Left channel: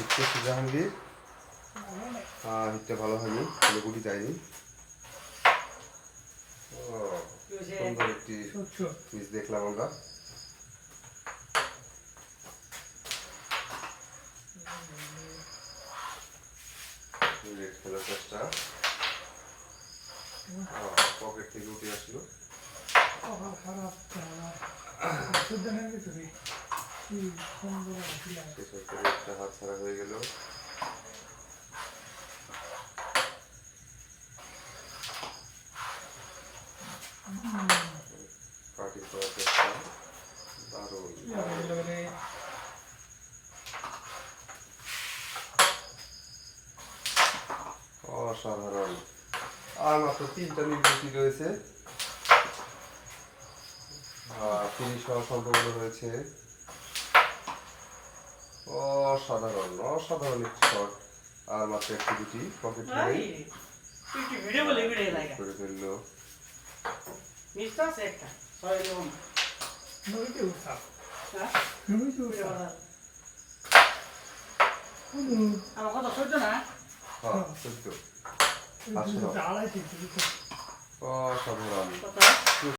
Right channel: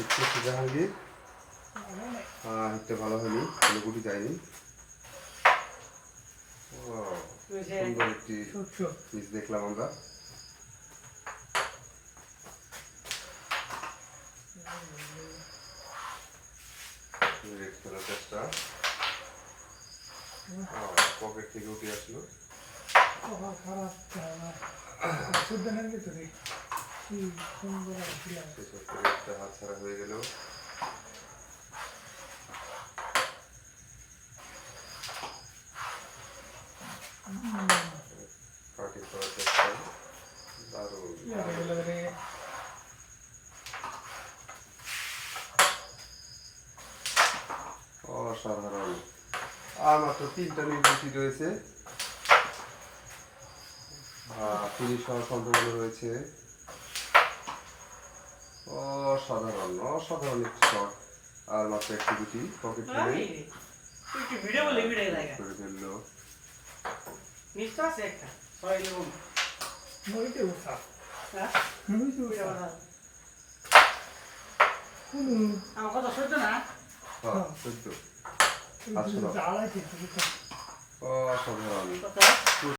হিটটা জাহাঙ্গীর আর হিটটা ভালো হয়নি কোনো গুটি সুন্দর একটি পিস দেখলাম আমরা। রেড কালার পকেট থেকে উঠে আসলো। একটা হাত ছাড়া অসাধারণ আর মাত্র তিনটা নির্দেশি রয়েছে। হওয়ার সম্ভাবনা রয়েছে। অসাধারণ অসাধারণ একটি শট আর মাত্র একটি দুটি পকেট করে করে ফেলল। হ্যাঁ? আমার কথা সহ্য না। হ্যাঁ সত্য অসাধারণ কথা